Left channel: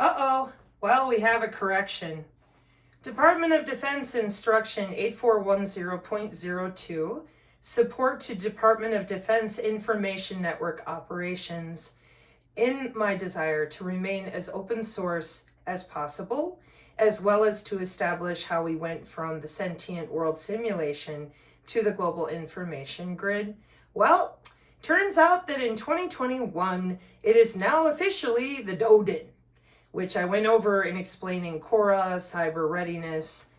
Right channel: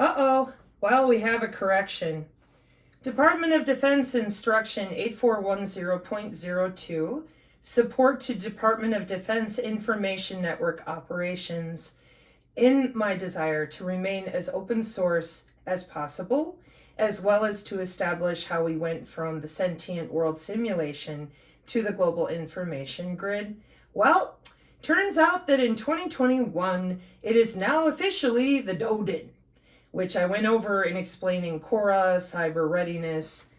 Uh-oh. Well, we have a correction. Department of Defense Instruction 8410.02, support to Department of Defense Information Network operations. In my desire to remain as open source as possible, as well as to establish how we went from the sentient world simulation to the global information grid, well, turns out that in 2021, it is now officially the DODIN, which I went over in explaining Cora, cyber readiness,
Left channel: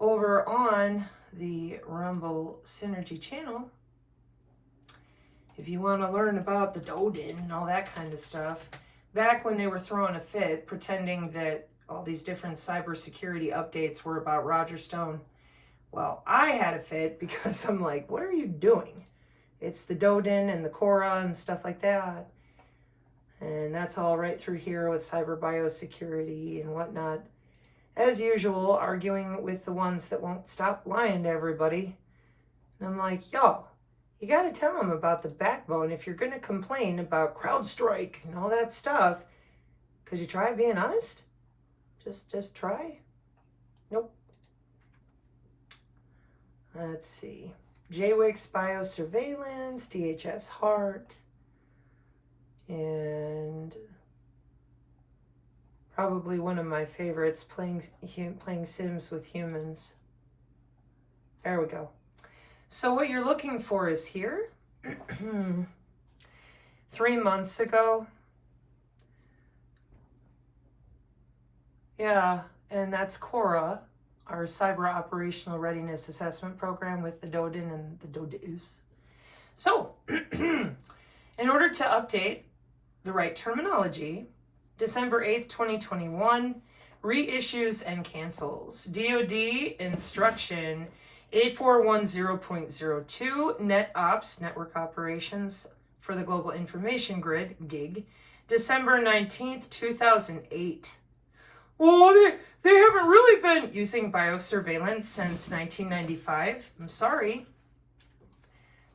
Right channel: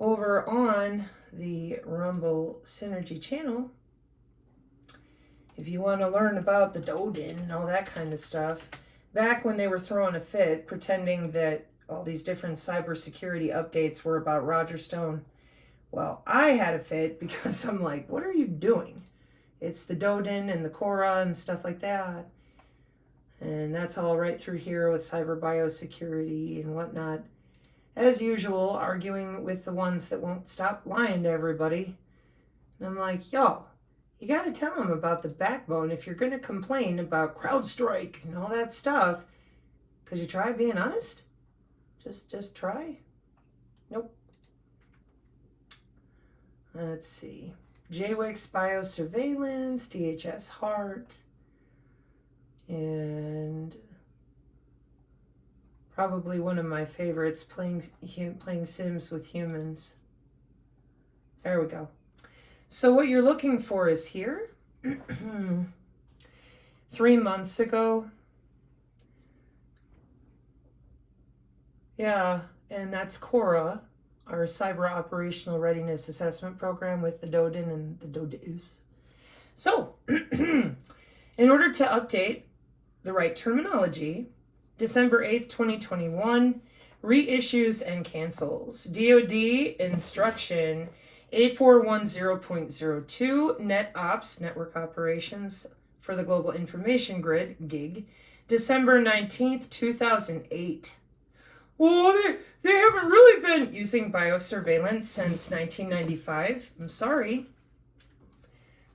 over on the Rumble Synergy channel. If you want to learn about the DODIN and all that kind of stuff, back when they were throwing a fit, pretending that all these different cybersecurity updates were about Roger Stone, well, I had a fit because I'm like, what are you doing? It's the DODIN and the Cora and stuff like that. And that's all right through here with cyber biosecurity and whatnot. As usual, arguing with the ones that won't stop lying to everybody. And I'm like, yo, you got to tell them about the backbone if you're going to complain about CrowdStrike and all that stuff. Could you try being honest? Just try? Nope. Let's see. JWIC's biosurveillance, DHS Heart, and probably one of my favorites, playing Sims with humans. There we go. So what you're looking for is here. 3 months ago. Yeah, and that's Cora, our Cyber Operational Readiness Assessment Program with the DODIN and the DODIs. So, in order to update the right terminology, December 8th, 2021, reissues and cancels. DOD Instruction 8410.02, NetOps, Network Operations for the Global Information Grid, GIG, December 19th, 2008. Well, they haven't really been using biosurveillance since 1995. I'm sorry.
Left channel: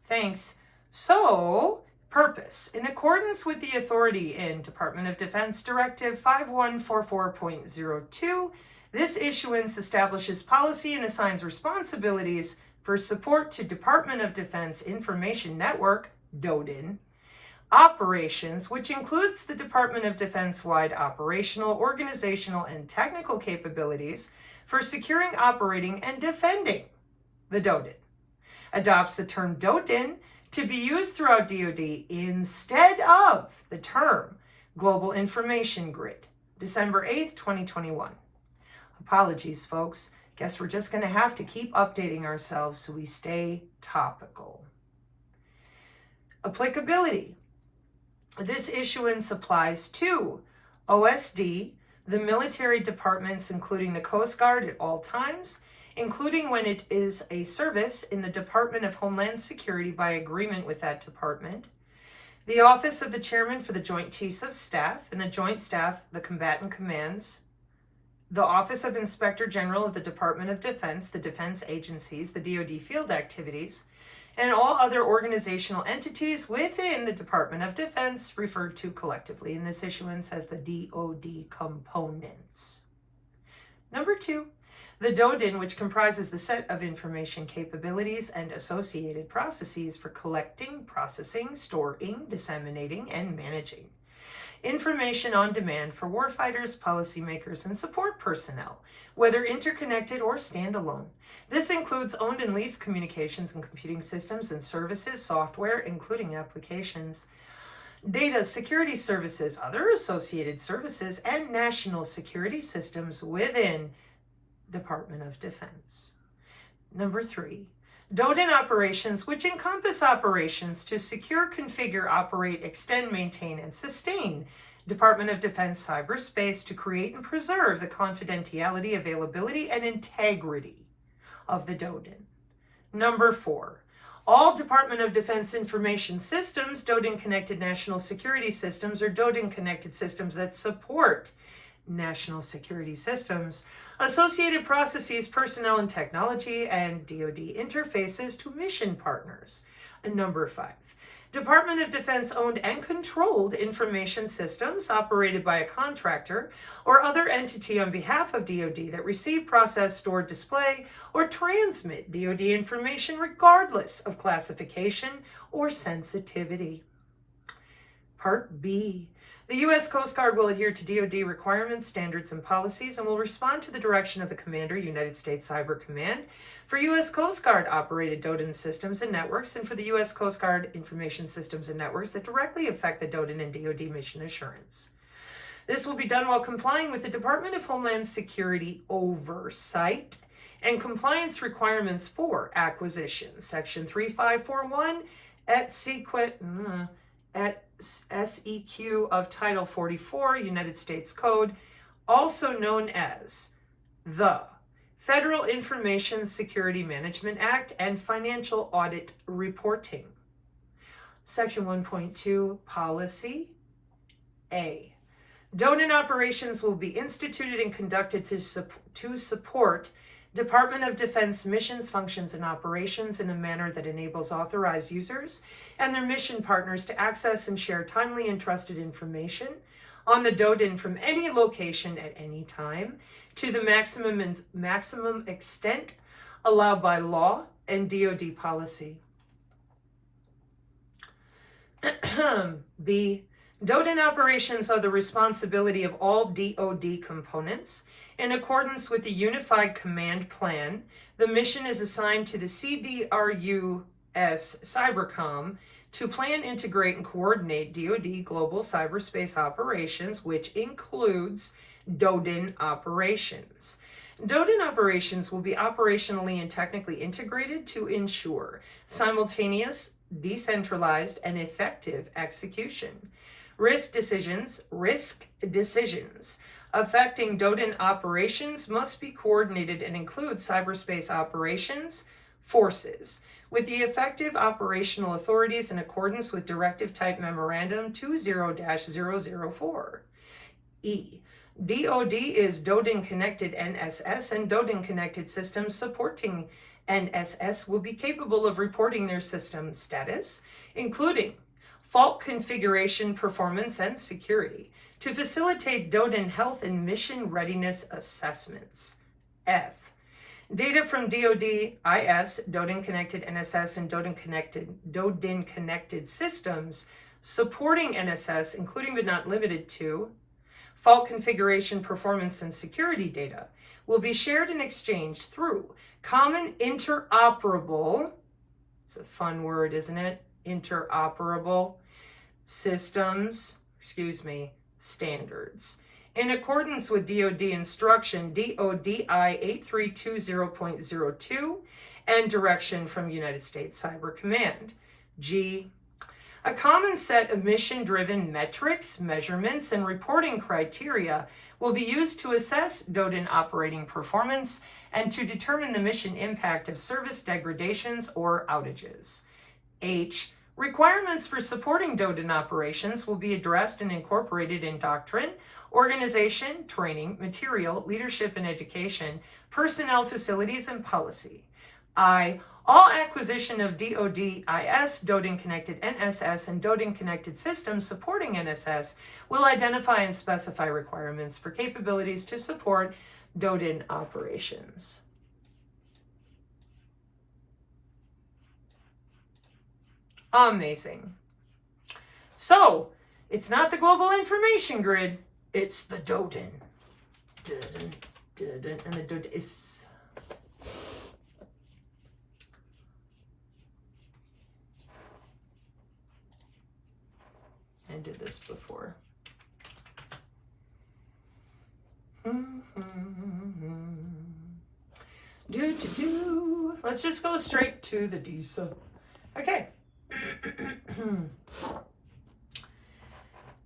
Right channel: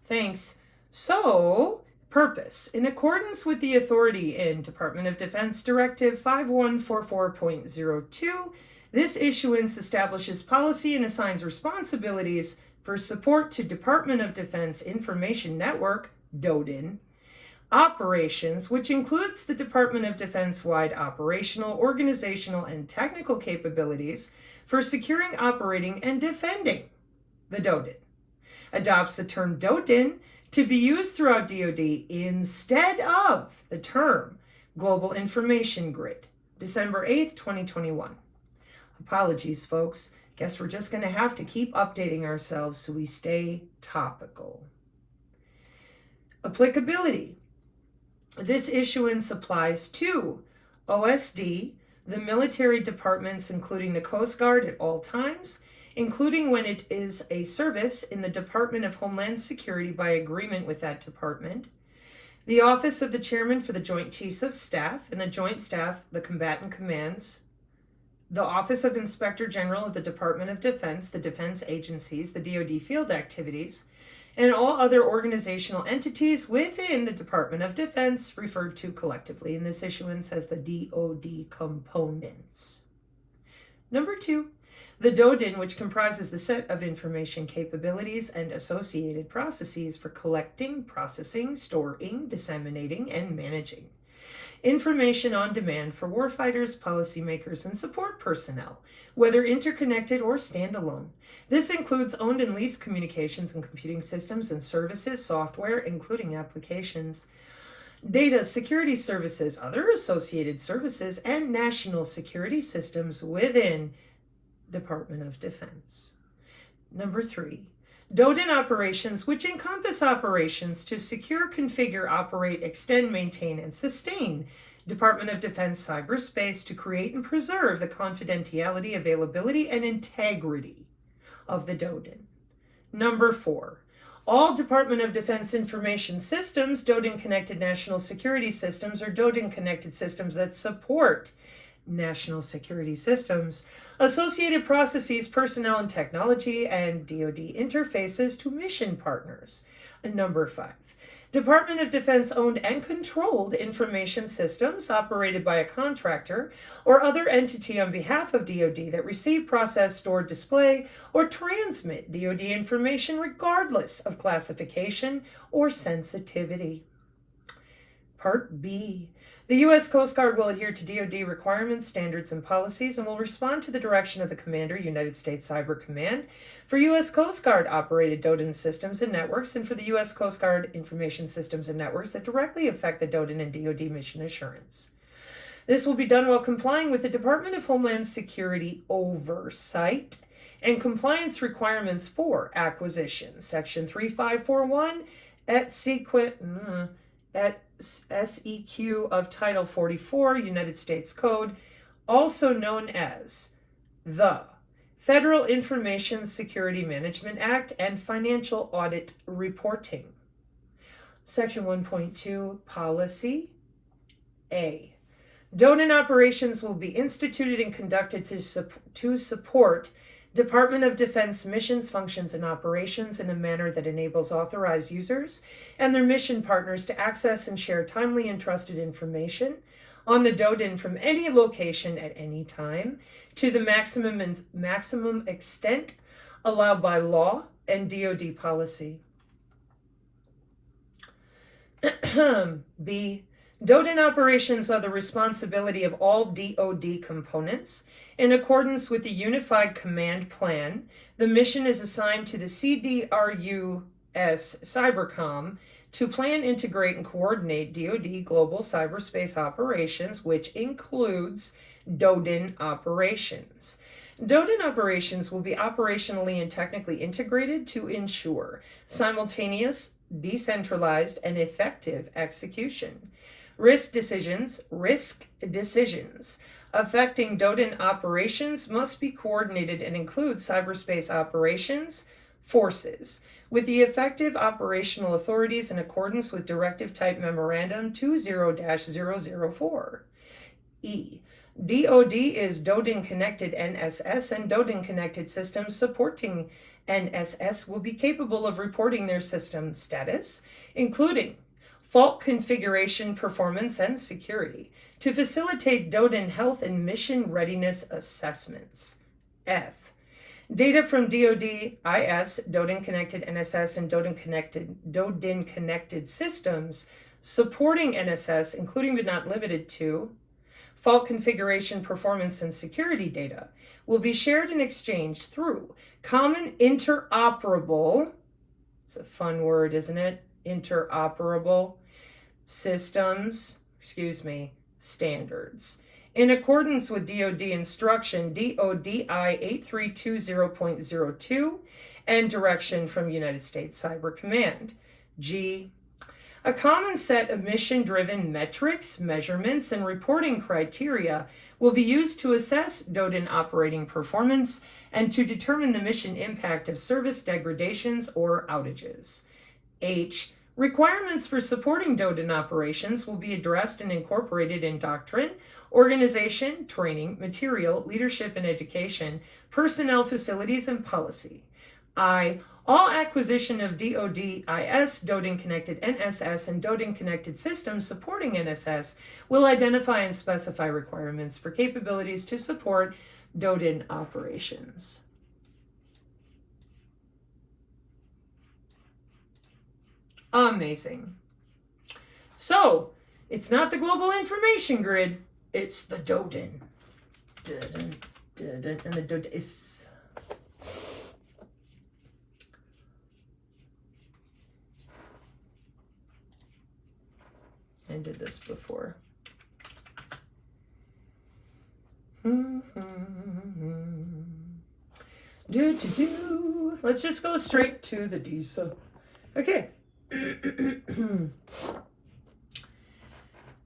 Thanks. So, purpose. In accordance with the authority in Department of Defense Directive 5144.02, this issuance establishes policy and assigns responsibilities for support to Department of Defense Information Network, DODIN, operations, which includes the Department of Defense-wide operational, organizational, and technical capabilities for securing, operating, and defending the DODIN. Adopts the term DODIN to be used throughout DOD instead of the term Global Information Grid, December 8th, 2021. Apologies, folks. Guess we're just going to have to keep updating ourselves so we stay topical. Applicability. This issuance applies to OSD, the military departments, including the Coast Guard at all times, including when it is a service in the Department of Homeland Security by agreement with that department, the Office of the Chairman for the Joint Chiefs of Staff and the Joint Staff, the Combatant Commands, the Office of Inspector General of the Department of Defense, the defense agencies, the DOD field activities, and all other organizational entities within the Department of Defense, referred to collectively in this issuance as the DOD components. Number 2, the DODIN, which comprises the set of information capabilities and associated processes for collecting, processing, storing, disseminating, and managing information on demand for warfighters, policymakers, and support personnel, whether interconnected or standalone. This includes owned and leased communications and computing systems and services, software, including applications, data security services, other associated services, and national security systems within Department of Defense. Number 3, DODIN operations, which encompass operations to secure, configure, operate, extend, maintain, and sustain Department of Defense cyberspace to create and preserve the confidentiality, availability, and integrity of the DODIN. Number 4, all Department of Defense information systems, DODIN-connected national security systems, or DODIN-connected systems that support national security systems, associated processes, personnel, and technology, and DOD interfaces to mission partners. And number 5, Department of Defense owned and controlled information systems operated by a contractor or other entity on behalf of DOD that receive, process, store, display, or transmit DOD information regardless of classification or sensitivity. Part B. The U.S. Coast Guard will adhere to DOD requirements, standards, and policies and will respond to the direction of the Commander, United States Cyber Command, for U.S. Coast Guard operated DODIN systems and networks, and for the U.S. Coast Guard information systems and networks that directly affect the DODIN and DOD mission assurance. This will be done while complying with the Department of Homeland Security oversight and compliance requirements for acquisition. Section 3541 at SEQ of Title 44, United States Code, also known as the Federal Information Security Management Act and Financial Audit Reporting. Section 1.2, Policy A. DODIN operations will be instituted and conducted to support Department of Defense missions, functions, and operations in a manner that enables authorized users and their mission partners to access and share timely and trusted information on the DODIN from any location at any time to the maximum extent allowed by law and DOD policy. B. DODIN operations are the responsibility of all DOD components. In accordance with the Unified Command Plan, the mission is assigned to the CDRUS Cybercom to plan, integrate, and coordinate DOD global cyberspace operations, which includes DODIN operations. DODIN operations will be operationally and technically integrated to ensure simultaneous, decentralized, and effective execution. Risk decisions affecting DODIN operations must be coordinated and include cyberspace operations forces with the effective operational authorities in accordance with Directive Type Memorandum 20-004. E. DOD is DODIN connected NSS, and DODIN connected systems supporting NSS will be capable of reporting their system status, including fault configuration, performance, and security, to facilitate DODIN health and mission readiness assessments. F. Data from DODIS, DODIN connected NSS, and DODIN connected systems supporting NSS, including but not limited to fault configuration, performance, and security data, will be shared and exchanged through common interoperable, it's a fun word, isn't it? Interoperable standards. In accordance with DOD instruction DODI 8320.02 and direction from United States Cyber Command. G. A common set of mission-driven metrics, measurements, and reporting criteria will be used to assess DODIN operating performance and to determine the mission impact of service degradations or outages. H. Requirements for supporting DODIN operations will be addressed and incorporated in doctrine, organization, training, material, leadership and education, personnel, facilities, and policy. I. All acquisition of DODIS, DODIN connected NSS, and DODIN connected systems supporting NSS will identify and specify requirements for capabilities to support DODIN operations. Amazing. So, it's not the global information grid, it's the DODIN. DODIN, DODIN, and the DODIS. I did this before. Let's just go straight to the DISA. Okay.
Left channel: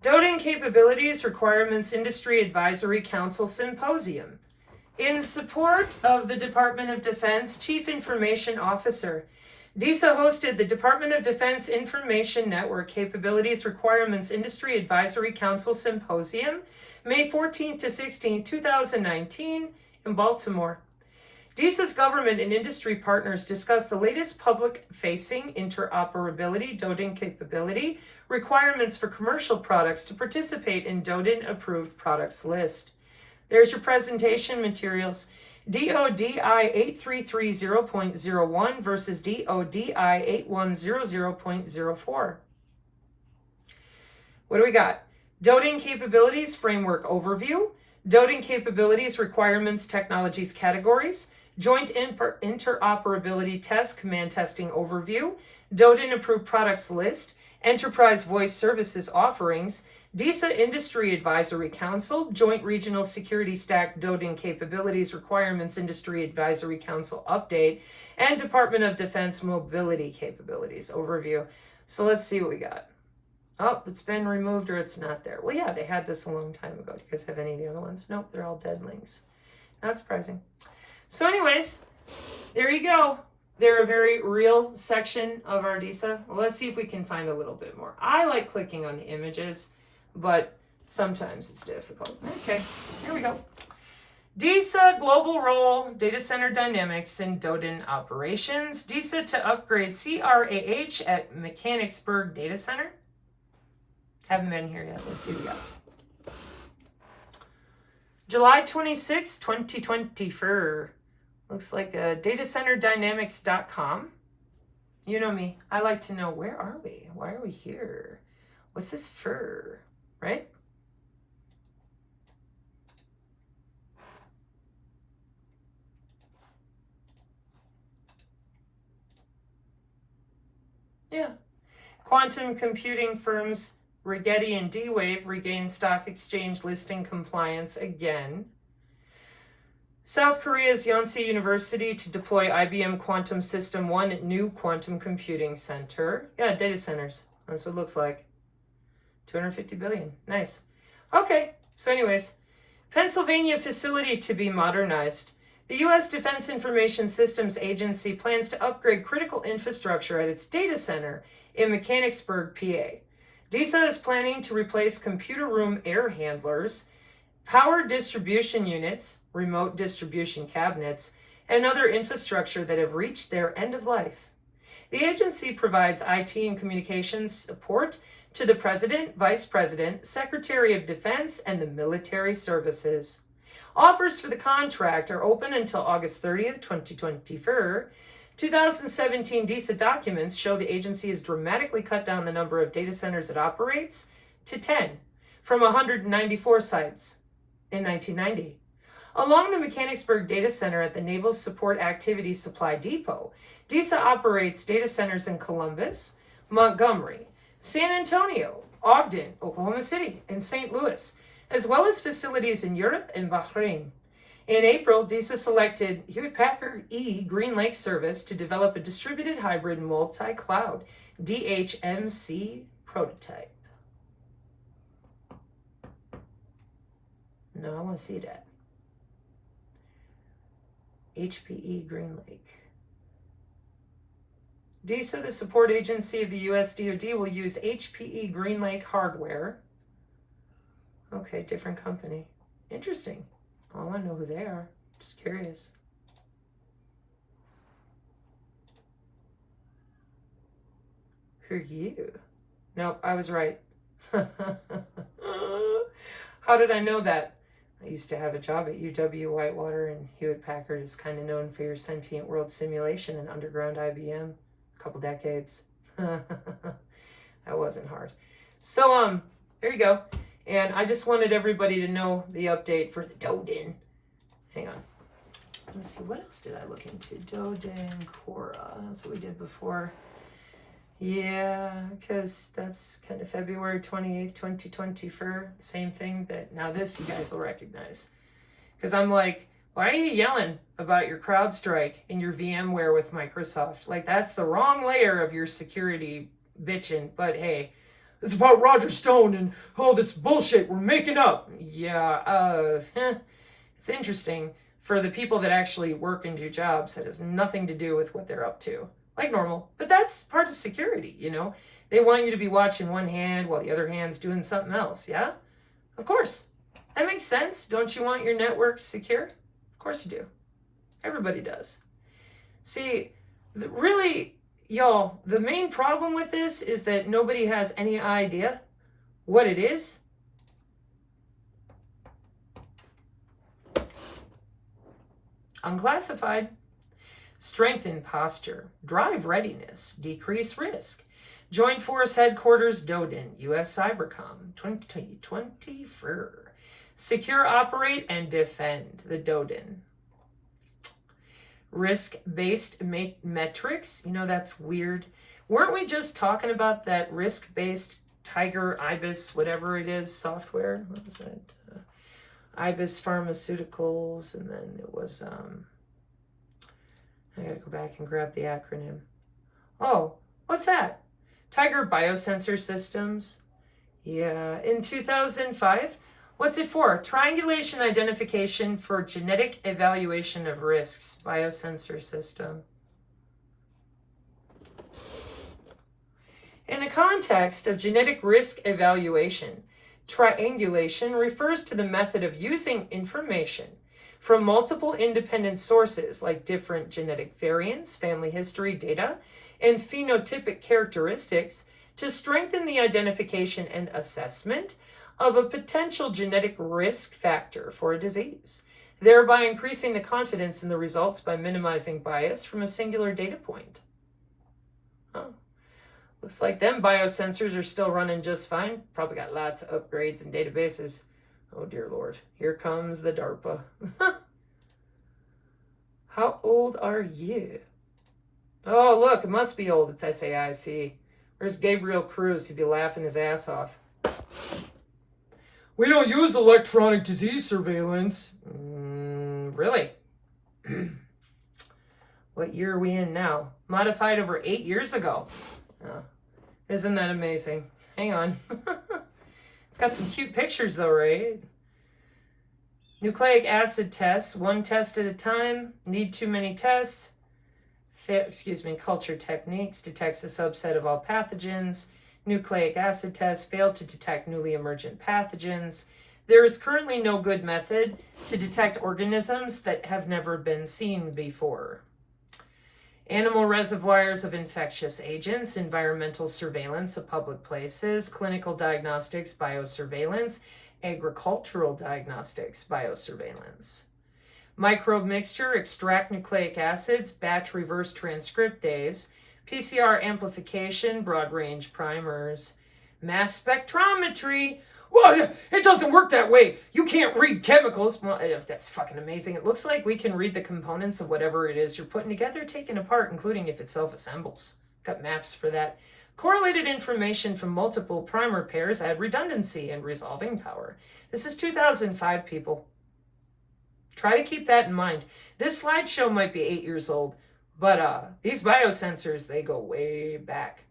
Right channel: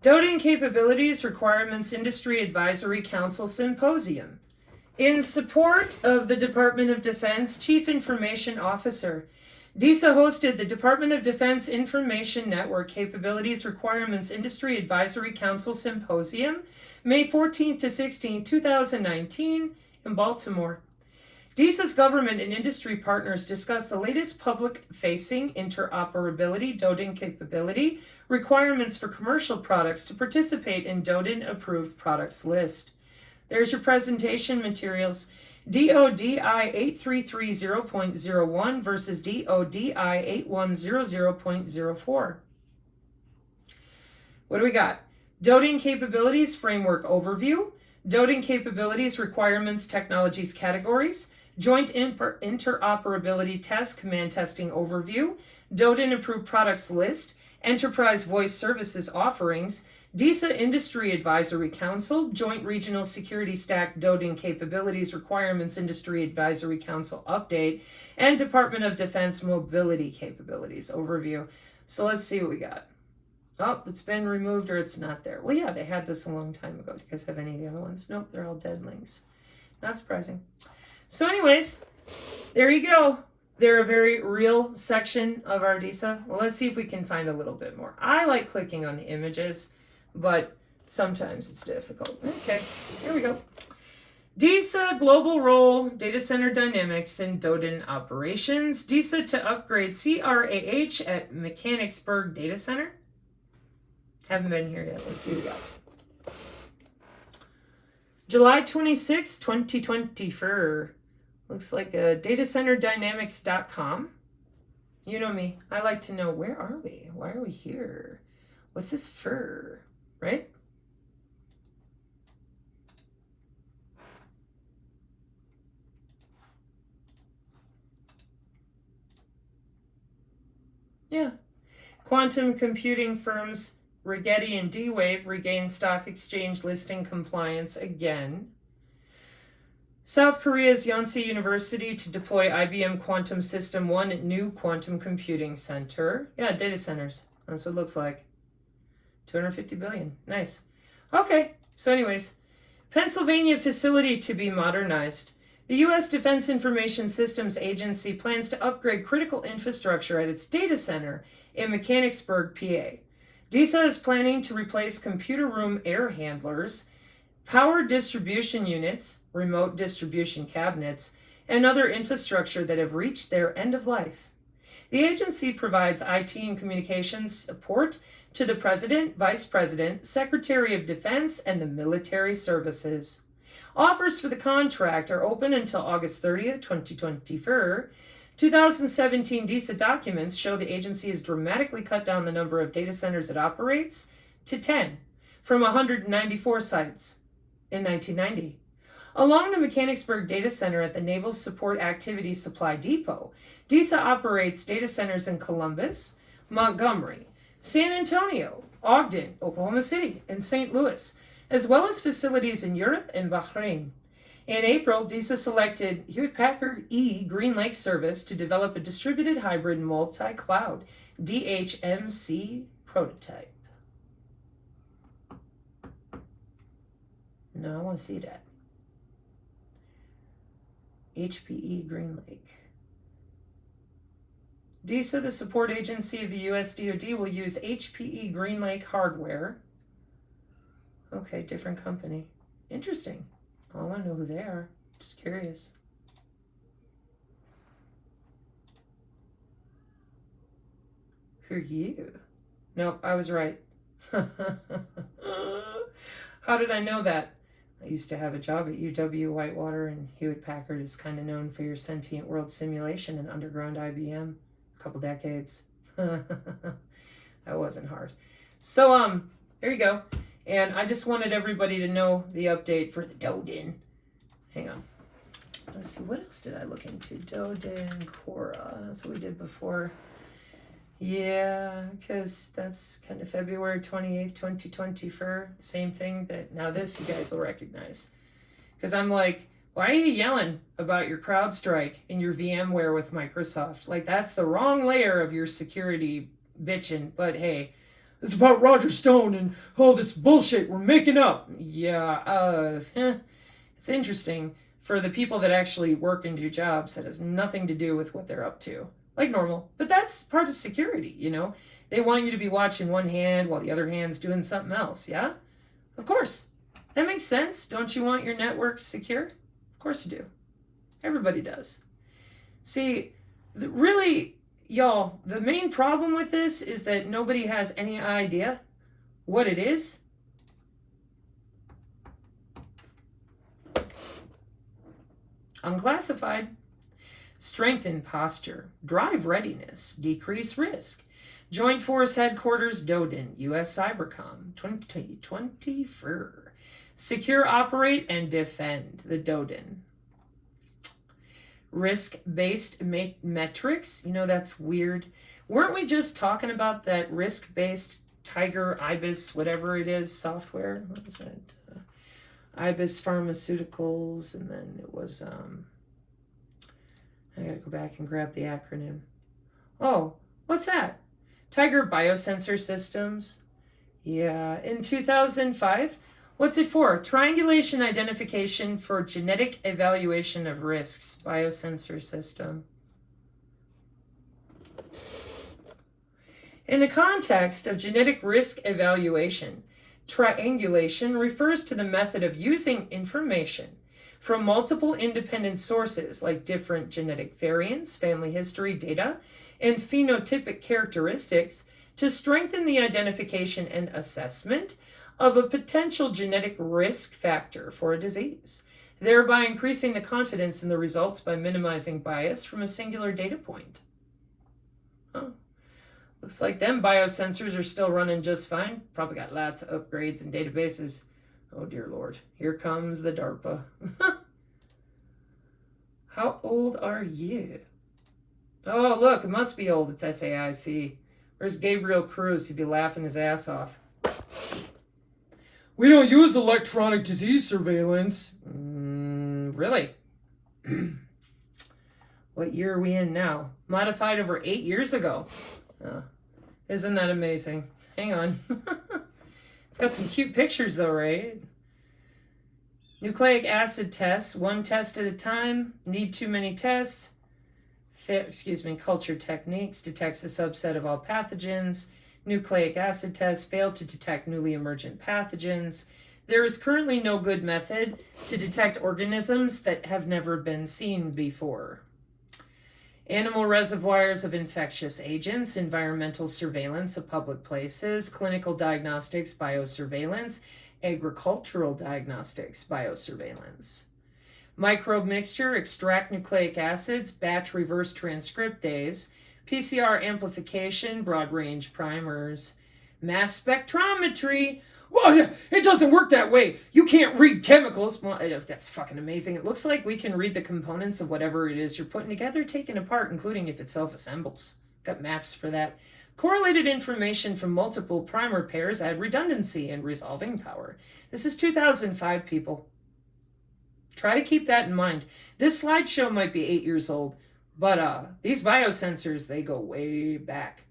DODIN Capabilities Requirements Industry Advisory Council Symposium. In support of the Department of Defense Chief Information Officer, DISA hosted the Department of Defense Information Network Capabilities Requirements Industry Advisory Council Symposium, May 14th to 16th, 2019, in Baltimore. DISA's government and industry partners discuss the latest public-facing interoperability DODIN capability requirements for commercial products to participate in DODIN-approved products list. There's your presentation materials. DODI 8330.01 versus DODI 8100.04. What do we got? DODIN Capabilities Framework Overview, DODIN Capabilities Requirements Technologies Categories, Joint Interoperability Test Command Testing Overview, DODIN Approved Products List, Enterprise Voice Services Offerings, DISA Industry Advisory Council, Joint Regional Security Stack DODIN Capabilities Requirements Industry Advisory Council Update, and Department of Defense Mobility Capabilities Overview. So let's see what we got. Oh, it's been removed or it's not there. Well, yeah, they had this a long time ago. Do you guys have any of the other ones? Nope, they're all dead links. Not surprising. So anyways, there you go. They're a very real section of our DISA. Well, let's see if we can find a little bit more. I like clicking on the images, but sometimes it's difficult. Okay, here we go. DISA Global Role, Data Center Dynamics and DODIN Operations. DISA to upgrade CRAH at Mechanicsburg Data Center. Haven't been here yet. Let's see what we got. July 26, 2024. Looks like datacenterdynamics.com. You know me. I like to know, where are we? Why are we here? What's this for? Right? Yeah. Quantum computing firms Rigetti and D-Wave regain stock exchange listing compliance again. South Korea's Yonsei University to deploy IBM Quantum System 1 at new quantum computing center. Yeah, data centers. That's what it looks like. 250 billion. Nice. Okay, so anyways, Pennsylvania facility to be modernized. The U.S. Defense Information Systems Agency plans to upgrade critical infrastructure at its data center in Mechanicsburg, PA. DISA is planning to replace computer room air handlers, power distribution units, remote distribution cabinets, and other infrastructure that have reached their end of life. The agency provides IT and communications support to the President, Vice President, Secretary of Defense, and the military services. Offers for the contract are open until August 30th, 2024. 2017 DISA documents show the agency has dramatically cut down the number of data centers it operates to 10 from 194 sites in 1990. Along the Mechanicsburg Data Center at the Naval Support Activity Supply Depot, DISA operates data centers in Columbus, Montgomery, San Antonio, Ogden, Oklahoma City, and St. Louis, as well as facilities in Europe and Bahrain. In April, DISA selected Hewlett-Packard Green Lake Service to develop a distributed hybrid multi-cloud DHMC prototype. No, I want to see that. HPE Green Lake. DISA, the support agency of the U.S. DOD, will use HPE Green Lake hardware. Okay, different company. Interesting. Oh, I want to know who they are. Just curious. Who are you? Nope, I was right. How did I know that? I used to have a job at UW-Whitewater, and Hewlett-Packard is kind of known for your sentient world simulation and underground IBM. A couple decades. That wasn't hard. So, there you go. And I just wanted everybody to know the update for the DODIN. Hang on. Let's see, what else did I look into? DODIN, Quora. That's what we did before. Yeah, because that's kind of February 28th, 2024. Same thing that, now this you guys will recognize. Because I'm like, why are you yelling about your CrowdStrike and your VMware with Microsoft? Like, that's the wrong layer of your security bitching. But hey, it's about Roger Stone and, oh, this bullshit we're making up. Yeah, it's interesting for the people that actually work and do jobs that has nothing to do with what they're up to. Like normal. But that's part of security, you know? They want you to be watching one hand while the other hand's doing something else, yeah? Of course. That makes sense. Don't you want your network secure? Of course you do. Everybody does. See, really, y'all, the main problem with this is that nobody has any idea what it is. Unclassified. Strengthen posture, drive readiness, decrease risk. Joint Force Headquarters, DODIN, U.S. Cybercom, 2024. Secure, operate, and defend, the DODIN. Risk-based metrics, you know, that's weird. Weren't we just talking about that risk-based Tiger, Ibis, whatever it is, software? What was that? Ibis Pharmaceuticals, and then it was, I gotta go back and grab the acronym. Oh, what's that? Tiger Biosensor Systems. Yeah, in 2005. What's it for? Triangulation Identification for Genetic Evaluation of Risks. Biosensor System. In the context of genetic risk evaluation, triangulation refers to the method of using information from multiple independent sources like different genetic variants, family history data, and phenotypic characteristics to strengthen the identification and assessment of a potential genetic risk factor for a disease, thereby increasing the confidence in the results by minimizing bias from a singular data point. Oh, looks like them biosensors are still running just fine. Probably got lots of upgrades and databases. Oh dear Lord, here comes the DARPA. How old are you? Oh, look, it must be old. It's SAIC. Where's Gabriel Cruz? He'd be laughing his ass off. We don't use electronic disease surveillance. Really? What year are we in now? Modified over 8 years ago. Oh, isn't that amazing? Hang on. It's got some cute pictures though, right? Nucleic acid tests, one test at a time. Need too many tests. Culture techniques detects a subset of all pathogens. Nucleic acid tests fail to detect newly emergent pathogens. There is currently no good method to detect organisms that have never been seen before. Animal reservoirs of infectious agents, environmental surveillance of public places, clinical diagnostics, biosurveillance, agricultural diagnostics, biosurveillance. Microbe mixture, extract nucleic acids, batch reverse transcriptase, PCR amplification, broad range primers, mass spectrometry. Well, it doesn't work that way. You can't read chemicals. Well, that's fucking amazing. It looks like we can read the components of whatever it is you're putting together, taking apart, including if it self-assembles. Got maps for that. Correlated information from multiple primer pairs add redundancy and resolving power. This is 2005, people. Try to keep that in mind. This slideshow might be 8 years old, but these biosensors, they go way back.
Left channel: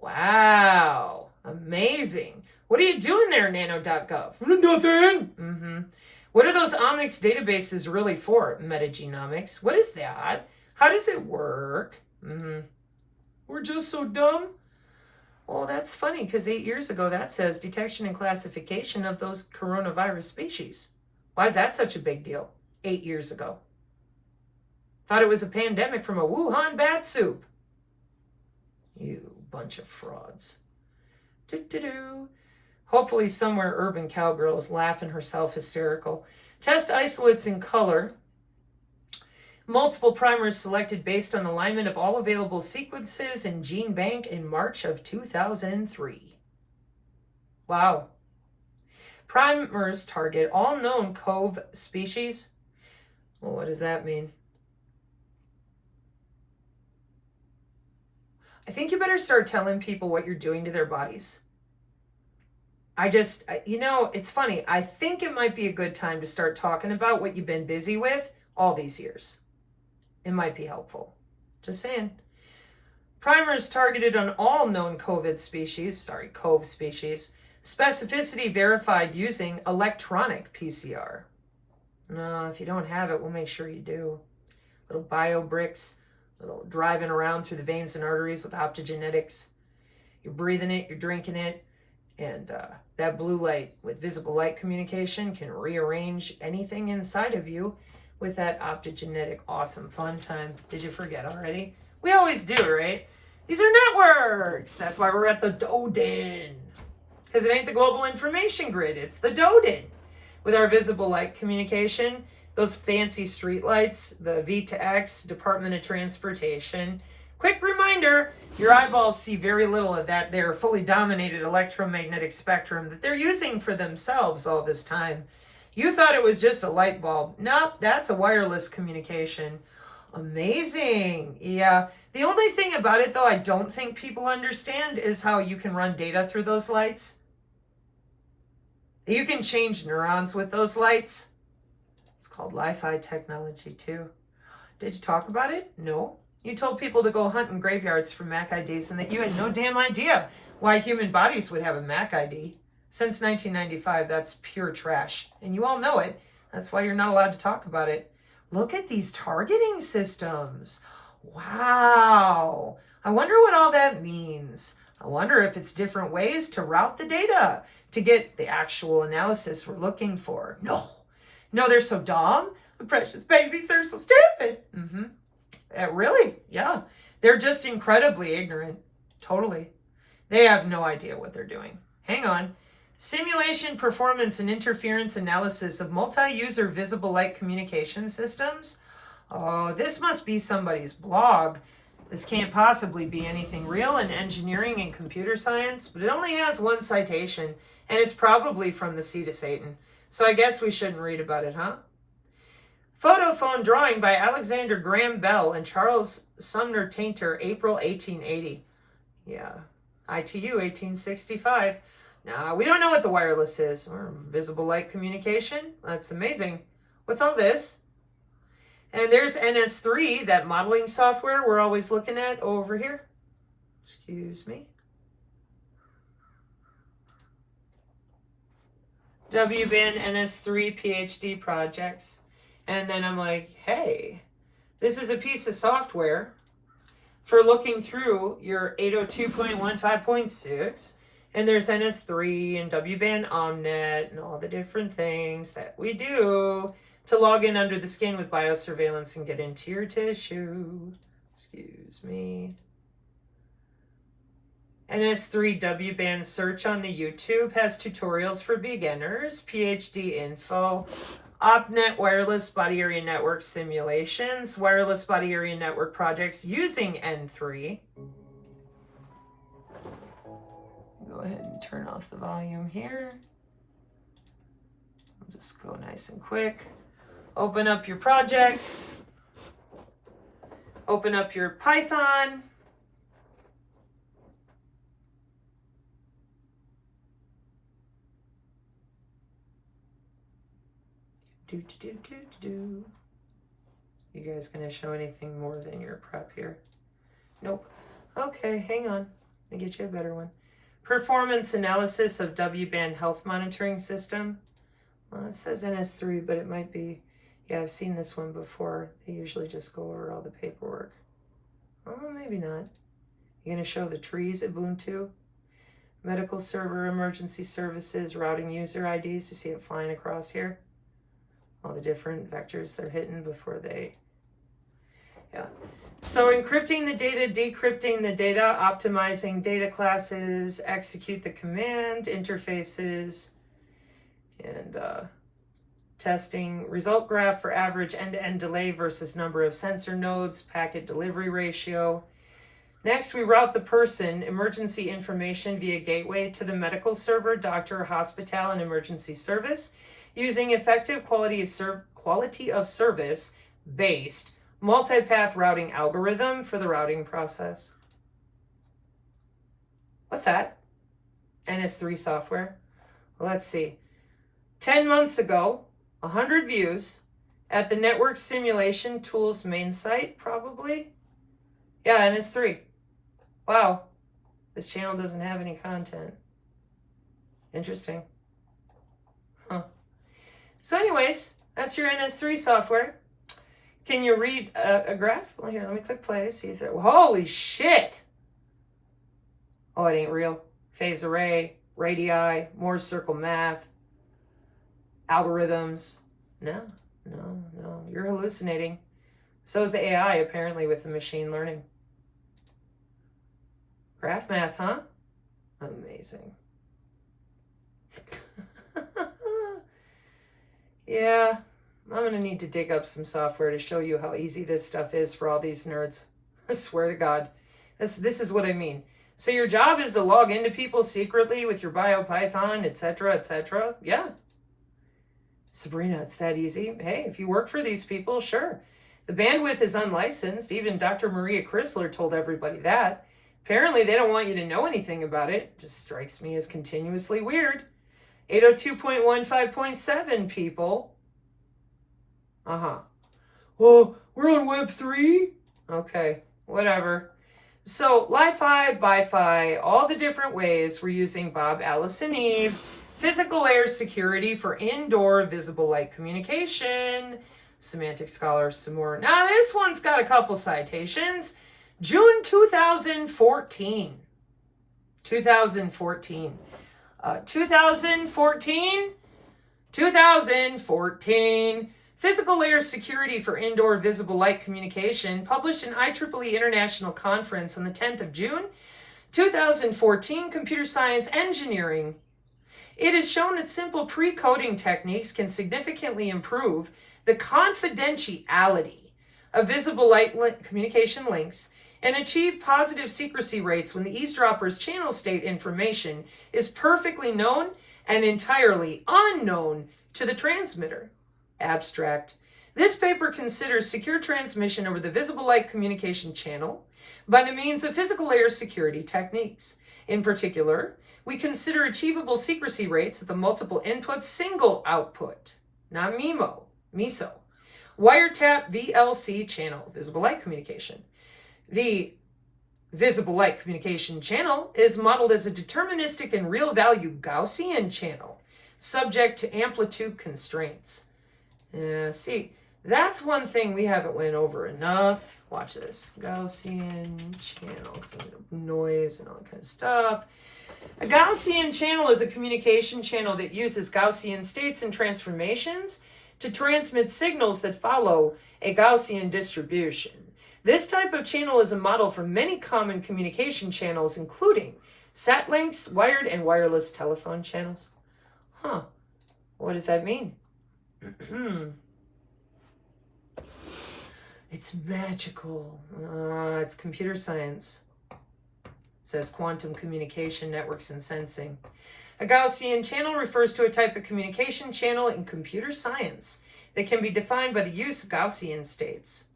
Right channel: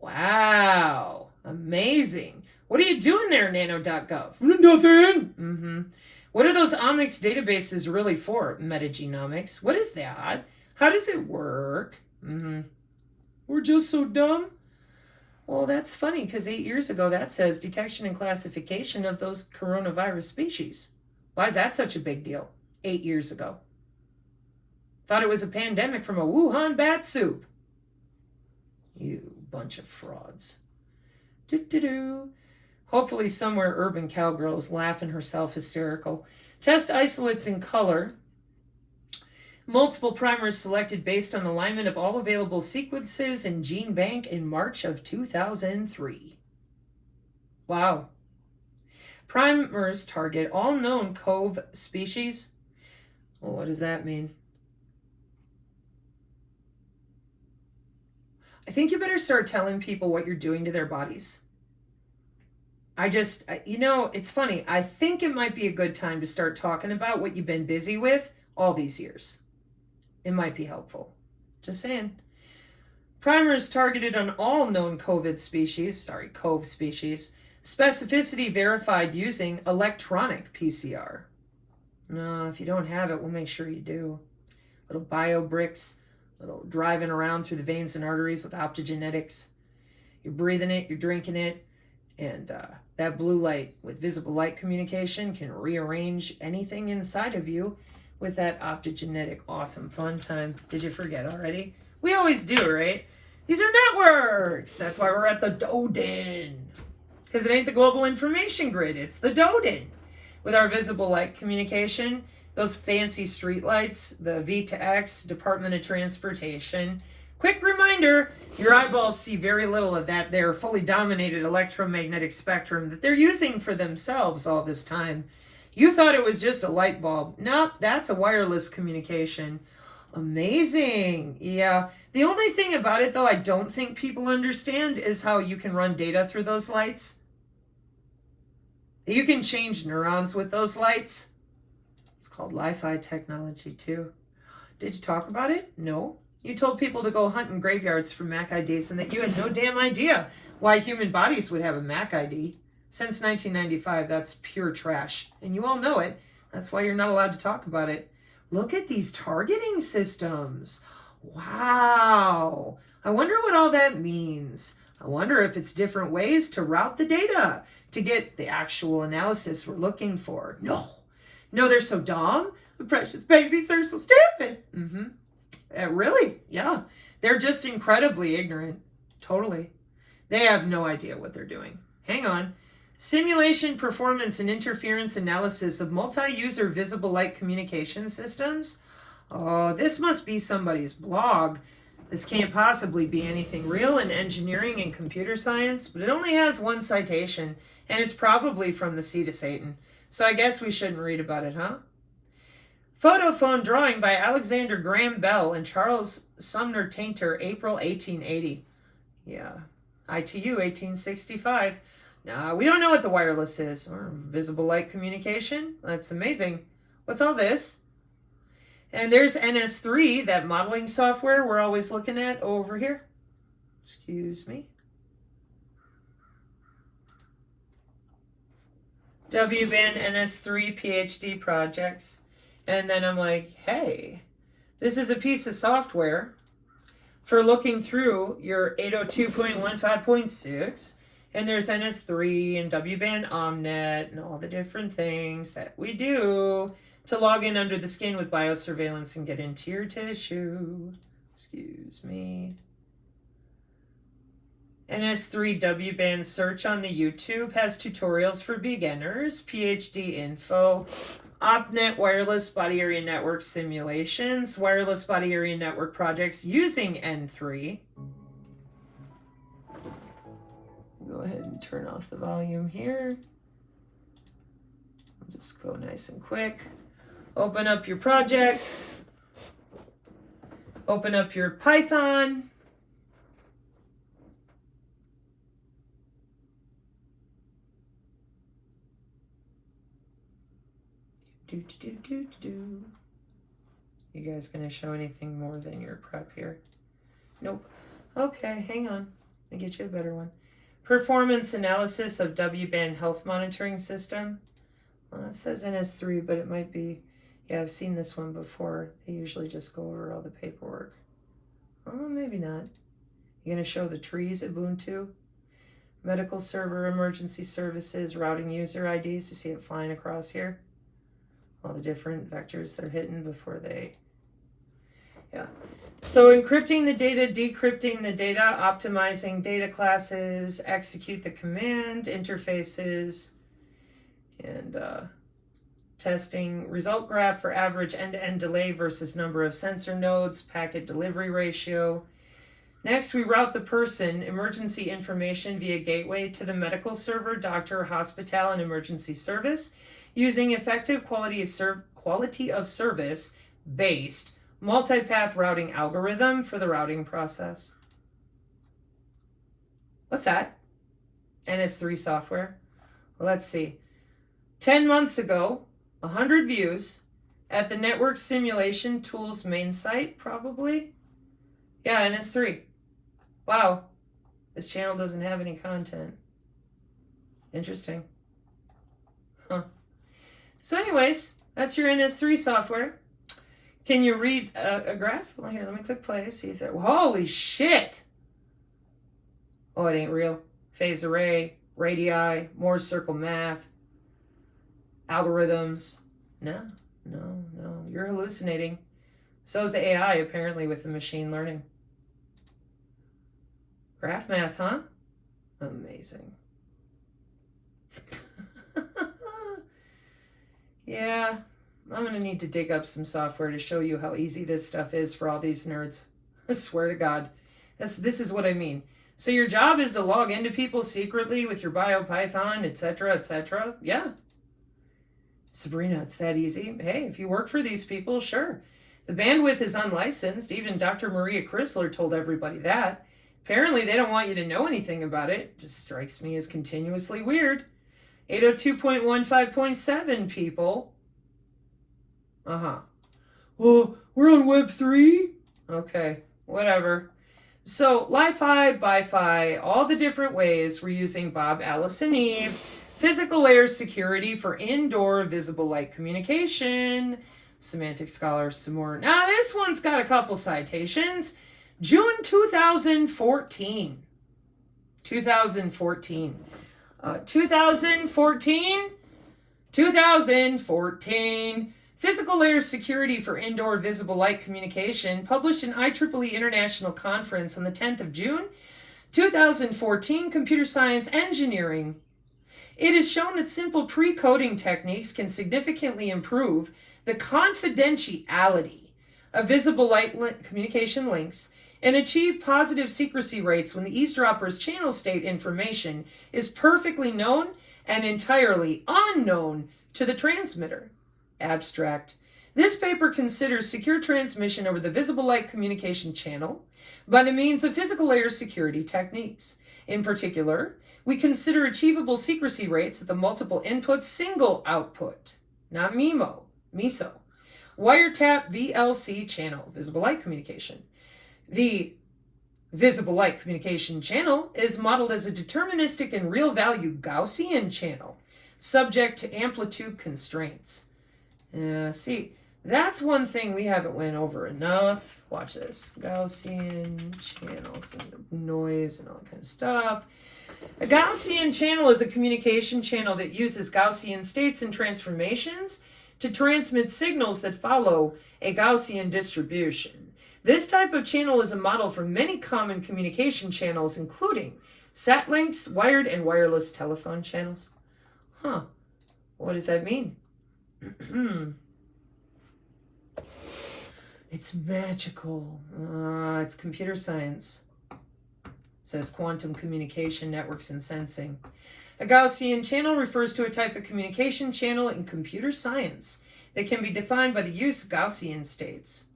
Wow, amazing. What are you doing there, nano.gov? Nothing. What are those omics databases really for? Metagenomics. What is that? How does it work? We're just so dumb. Well, that's funny because 8 years ago that says detection and classification of those coronavirus species. Why is that such a big deal? 8 years ago. Thought it was a pandemic from a Wuhan bat soup. You bunch of frauds. Hopefully somewhere urban cowgirl is laughing herself hysterical. Test isolates in color. Multiple primers selected based on alignment of all available sequences in gene bank in March of 2003. Wow. Primers target all known CoV species. Well, what does that mean? I think you better start telling people what you're doing to their bodies. It's funny. I think it might be a good time to start talking about what you've been busy with all these years. It might be helpful. Just saying. Primers targeted on all known CoV species. Specificity verified using electronic PCR. No, if you don't have it, we'll make sure you do. Little bio bricks, little driving around through the veins and arteries with optogenetics. You're breathing it, you're drinking it, and that blue light with visible light communication can rearrange anything inside of you with that optogenetic awesome fun time. Did you forget already? We always do, right? These are networks. That's why we're at the DODIN. Because it ain't the global information grid, it's the DODIN. With our visible light communication, those fancy street lights, the V to X, Department of Transportation. Quick reminder, your eyeballs see very little of that there fully dominated electromagnetic spectrum that they're using for themselves all this time. You thought it was just a light bulb. Nope, that's a wireless communication. Amazing. Yeah. The only thing about it, though, I don't think people understand is how you can run data through those lights. You can change neurons with those lights. It's called Li-Fi technology, too. Did you talk about it? No. You told people to go hunt in graveyards for MAC IDs and that you had no damn idea why human bodies would have a MAC ID. Since 1995, that's pure trash. And you all know it. That's why you're not allowed to talk about it. Look at these targeting systems. Wow. I wonder what all that means. I wonder if it's different ways to route the data to get the actual analysis we're looking for. No, they're so dumb. The precious babies, they're so stupid. Really? Yeah. They're just incredibly ignorant. Totally. They have no idea what they're doing. Hang on. Simulation, performance, and interference analysis of multi-user visible light communication systems. Oh, this must be somebody's blog. This can't possibly be anything real in engineering and computer science, but it only has one citation, and it's probably from the Seed of Satan. So I guess we shouldn't read about it, huh? Photophone drawing by Alexander Graham Bell and Charles Sumner Tainter, April 1880. Yeah, ITU 1865. Now, we don't know what the wireless is, or visible light communication. That's amazing. What's all this? And there's NS3, that modeling software we're always looking at over here. Excuse me. W-band NS3 PhD projects. And then I'm like, hey, this is a piece of software for looking through your 802.15.6. And there's NS3 and W-band Omnet and all the different things that we do to log in under the skin with biosurveillance and get into your tissue. Excuse me. NS3 W-band search on the YouTube has tutorials for beginners, PhD info, OpNet wireless body area network simulations, wireless body area network projects using N3. Go ahead and turn off the volume here. I'll just go nice and quick. Open up your projects. Open up your Python. You guys gonna show anything more than your prep here? Nope. Okay, hang on. I'll get you a better one. Performance analysis of W-band health monitoring system. Well, it says NS3, but it might be, yeah, I've seen this one before. They usually just go over all the paperwork. Well, maybe not. You're going to show the trees, Ubuntu, medical server, emergency services, routing user IDs. You see it flying across here? All the different vectors they're hitting before they, yeah. So encrypting the data, decrypting the data, optimizing data classes, execute the command, interfaces, and testing result graph for average end-to-end delay versus number of sensor nodes, packet delivery ratio. Next, we route the person, emergency information via gateway to the medical server, doctor, hospital, and emergency service using effective quality of service based multipath routing algorithm for the routing process. What's that? NS3 software. Let's see. 10 months ago, 100 views at the Network Simulation Tools main site, probably. Yeah, NS3. Wow. This channel doesn't have any content. Interesting. Huh. So anyways, that's your NS3 software. Can you read a graph? Well, here, let me click play, see if it, holy shit! Oh, it ain't real. Phase array, radii, Morse circle math, algorithms. No. You're You're hallucinating. So is the AI, apparently, with the machine learning. Graph math, huh? Amazing. Yeah, I'm going to need to dig up some software to show you how easy this stuff is for all these nerds. I swear to God. This is what I mean. So your job is to log into people secretly with your BioPython, etc., etc.? Yeah. Sabrina, it's that easy. Hey, if you work for these people, sure. The bandwidth is unlicensed. Even Dr. Maria Chrysler told everybody that. Apparently, they don't want you to know anything about it. Just strikes me as continuously weird. 802.15.7, people. Well, we're on Web 3? Okay, whatever. So, Li-Fi, Bi-Fi, all the different ways we're using Bob, Alice, and Eve. Physical layer security for indoor visible light communication. Semantic Scholar, some more. Now, this one's got a couple citations. June 2014. 2014. 2014. Physical layer security for indoor visible light communication, published in IEEE International Conference on the 10th of June, 2014, Computer Science Engineering. It is shown that simple pre-coding techniques can significantly improve the confidentiality of visible light communication links and achieve positive secrecy rates when the eavesdropper's channel state information is perfectly known and entirely unknown to the transmitter. Abstract. This paper considers secure transmission over the visible light communication channel by the means of physical layer security techniques. In particular, we consider achievable secrecy rates at the multiple input single output, not MISO, wiretap VLC channel, visible light communication. The visible light communication channel is modeled as a deterministic and real value Gaussian channel, subject to amplitude constraints. See, that's one thing we haven't went over enough. Watch this. Gaussian channel, noise and all that kind of stuff. A Gaussian channel is a communication channel that uses Gaussian states and transformations to transmit signals that follow a Gaussian distribution. This type of channel is a model for many common communication channels, including sat links, wired and wireless telephone channels. What does that mean? It's magical. It's computer science. It says quantum communication networks and sensing. A Gaussian channel refers to a type of communication channel in computer science that can be defined by the use of Gaussian states.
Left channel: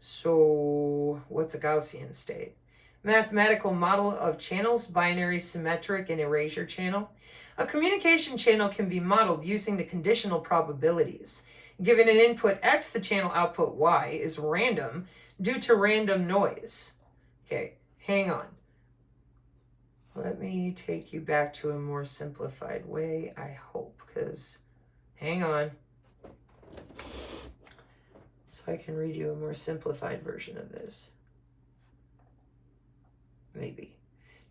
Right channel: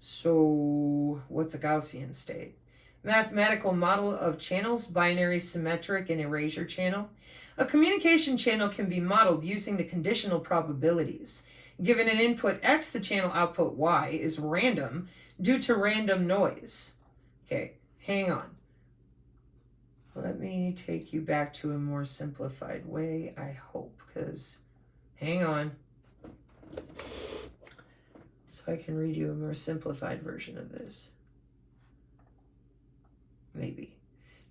So, what's a Gaussian state? Mathematical model of channels, binary, symmetric, and erasure channel. A communication channel can be modeled using the conditional probabilities. Given an input X, the channel output Y is random due to random noise. Okay, hang on. Let me take you back to a more simplified way, I hope, because, hang on. So I can read you a more simplified version of this. Maybe.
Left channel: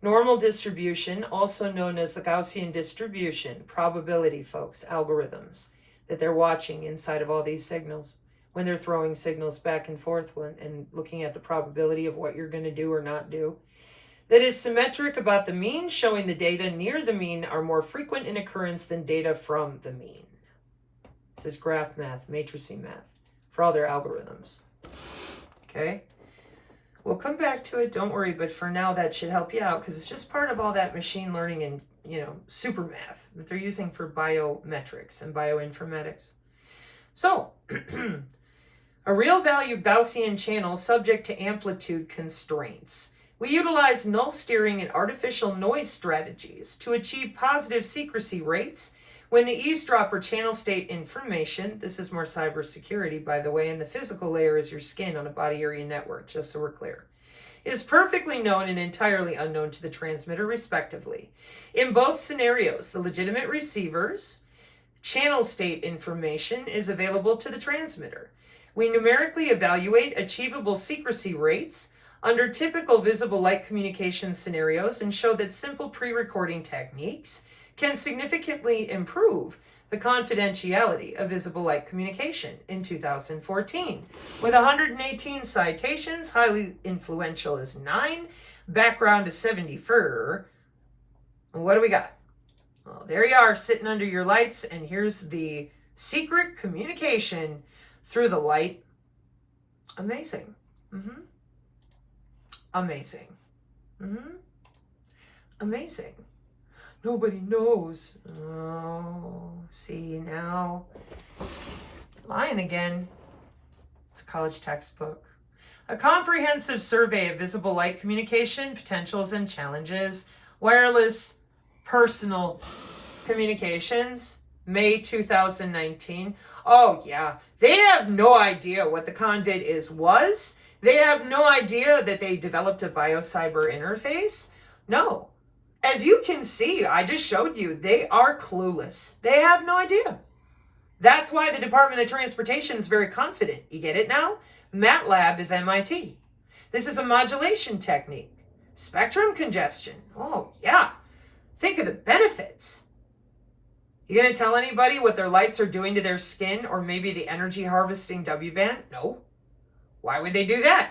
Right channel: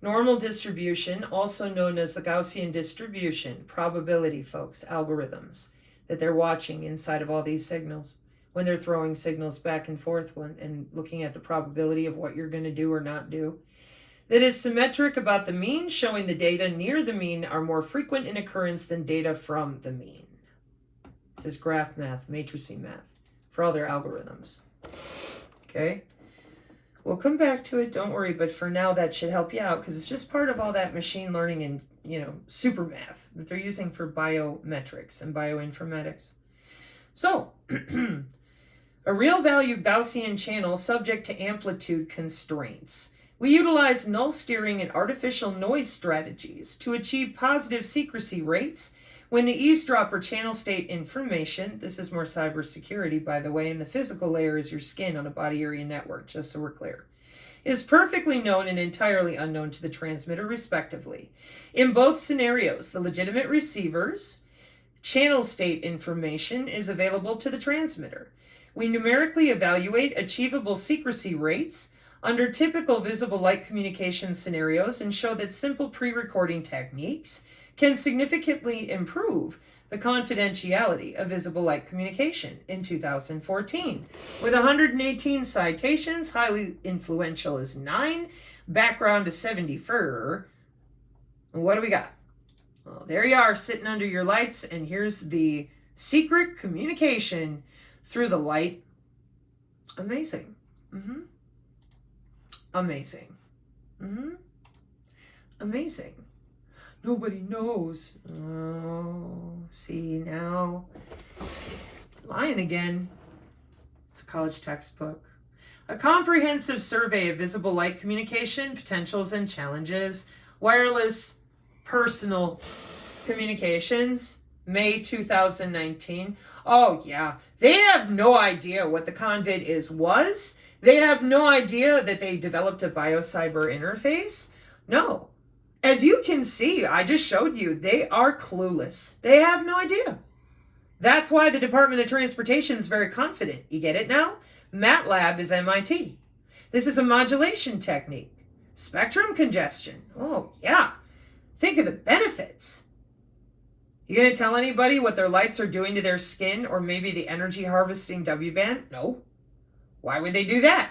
Normal distribution, also known as the Gaussian distribution, probability, folks, algorithms that they're watching inside of all these signals when they're throwing signals back and forth and looking at the probability of what you're going to do or not do. That is symmetric about the mean, showing the data near the mean are more frequent in occurrence than data from the mean. This is graph math, matricing math, for all their algorithms. Okay? We'll come back to it, don't worry, but for now that should help you out because it's just part of all that machine learning and, super math that they're using for biometrics and bioinformatics. So, a real value Gaussian channel subject to amplitude constraints. We utilize null steering and artificial noise strategies to achieve positive secrecy rates when the eavesdropper channel state information, this is more cybersecurity, by the way, and the physical layer is your skin on a body area network, just so we're clear, is perfectly known and entirely unknown to the transmitter, respectively. In both scenarios, the legitimate receiver's channel state information is available to the transmitter. We numerically evaluate achievable secrecy rates under typical visible light communication scenarios and show that simple pre-recording techniques can significantly improve the confidentiality of visible light communication in 2014. With 118 citations, highly influential is 9, background is 74. What do we got? Well, there you are, sitting under your lights, and here's the secret communication through the light. Amazing. Amazing. Amazing. Nobody knows. Oh, see now. Lying again. It's a college textbook. A comprehensive survey of visible light communication, potentials and challenges, wireless personal communications, May 2019. Oh yeah, they have no idea what the convid was. They have no idea that they developed a biocyber interface. No. As you can see, I just showed you, they are clueless. They have no idea. That's why the Department of Transportation is very confident. You get it now? MATLAB is MIT. This is a modulation technique. Spectrum congestion. Oh, yeah. Think of the benefits. You gonna tell anybody what their lights are doing to their skin, or maybe the energy harvesting W-band? No. Why would they do that?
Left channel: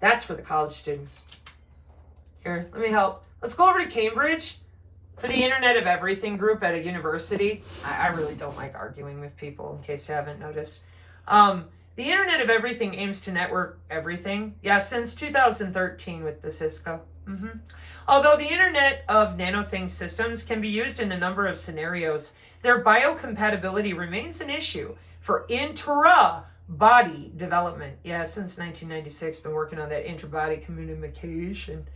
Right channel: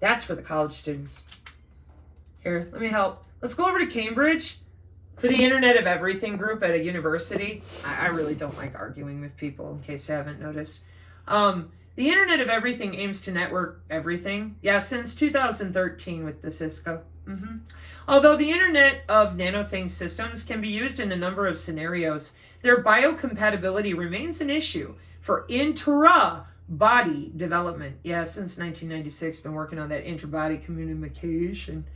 That's for the college students. Here, let me help. Let's go over to Cambridge for the Internet of Everything group at a university. I really don't like arguing with people, in case you haven't noticed. The Internet of Everything aims to network everything. Yeah, since 2013 with the Cisco. Although the Internet of Nanothings systems can be used in a number of scenarios, their biocompatibility remains an issue for intra-body development. Yeah, since 1996, been working on that intra-body communication.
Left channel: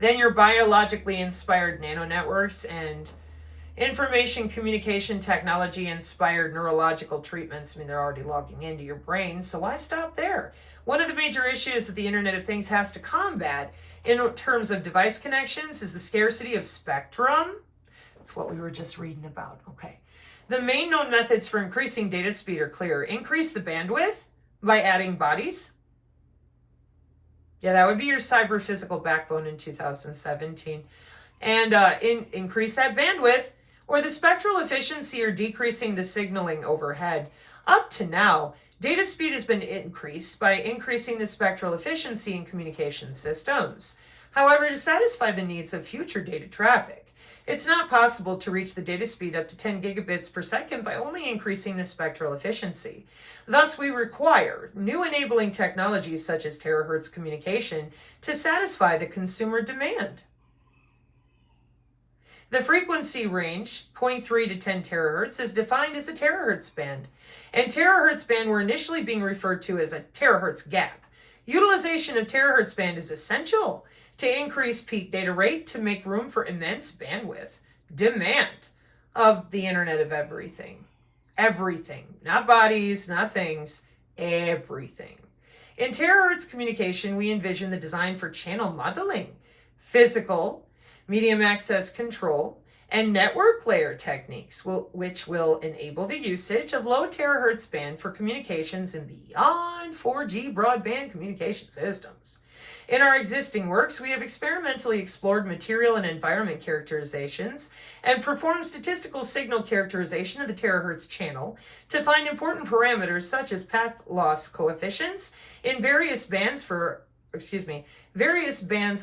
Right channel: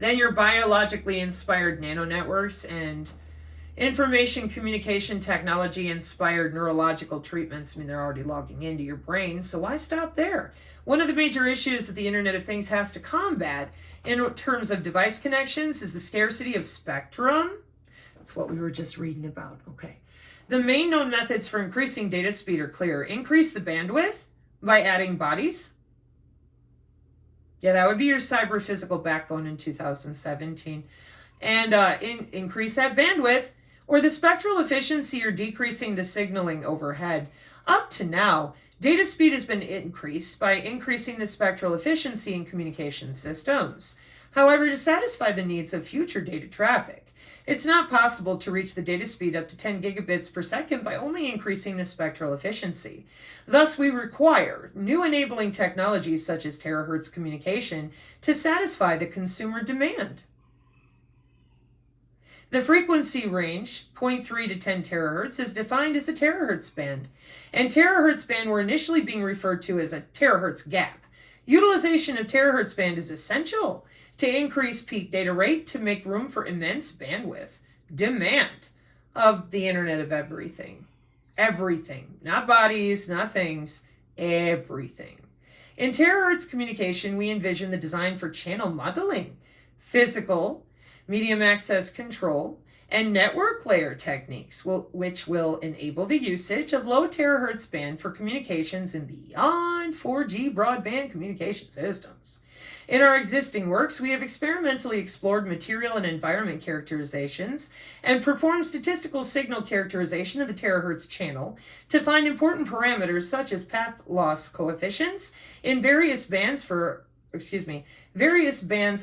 Then your biologically inspired nanonetworks and information communication technology inspired neurological treatments. I mean, they're already logging into your brain, so why stop there? One of the major issues that the Internet of Things has to combat in terms of device connections is the scarcity of spectrum. That's what we were just reading about. Okay. The main known methods for increasing data speed are clear. Increase the bandwidth by adding bodies. Yeah, that would be your cyber physical backbone in 2017. And increase that bandwidth, or the spectral efficiency, or decreasing the signaling overhead. Up to now, data speed has been increased by increasing the spectral efficiency in communication systems. However, to satisfy the needs of future data traffic, it's not possible to reach the data speed up to 10 gigabits per second by only increasing the spectral efficiency. Thus, we require new enabling technologies such as terahertz communication to satisfy the consumer demand. The frequency range, 0.3 to 10 terahertz, is defined as the terahertz band, and terahertz band were initially being referred to as a terahertz gap. Utilization of terahertz band is essential to increase peak data rate to make room for immense bandwidth demand of the Internet of Everything. Everything, not bodies, not things, everything. In terahertz communication, we envision the design for channel modeling, physical, medium access control, and network layer techniques, which will enable the usage of low terahertz band for communications and beyond 4G broadband communication systems. In our existing works, we have experimentally explored material and environment characterizations and performed statistical signal characterization of the terahertz channel to find important parameters such as path loss coefficients in various bands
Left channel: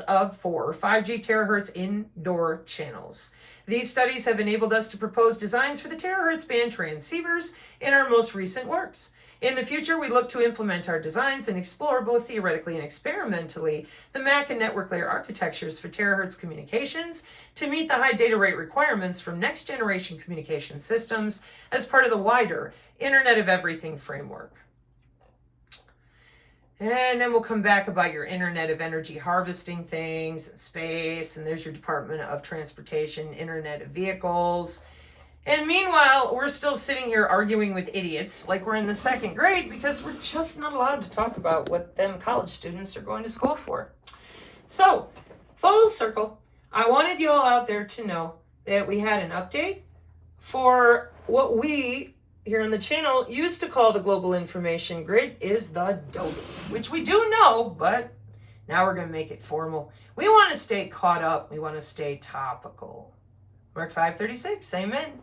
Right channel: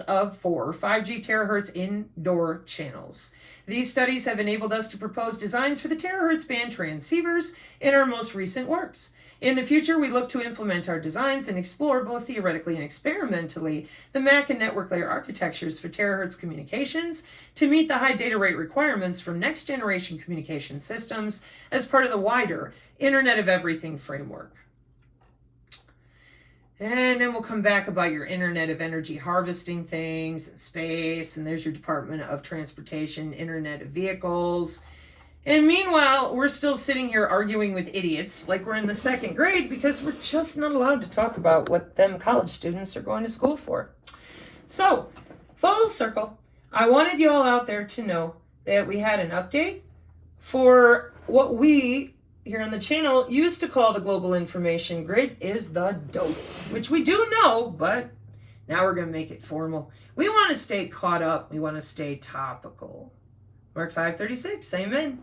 of 4 or 5G terahertz indoor channels. These studies have enabled us to propose designs for the terahertz band transceivers in our most recent works. In the future, we look to implement our designs and explore both theoretically and experimentally the MAC and network layer architectures for terahertz communications to meet the high data rate requirements from next generation communication systems as part of the wider Internet of Everything framework. And then we'll come back about your Internet of Energy harvesting things and space, and there's your Department of Transportation, Internet of Vehicles. And meanwhile, we're still sitting here arguing with idiots like we're in the 2nd grade because we're just not allowed to talk about what them college students are going to school for. So, full circle, I wanted you all out there to know that we had an update for what we here on the channel used to call the global information grid is the DODI, which we do know, but now we're going to make it formal. We want to stay caught up. We want to stay topical. Mark 5:36, amen.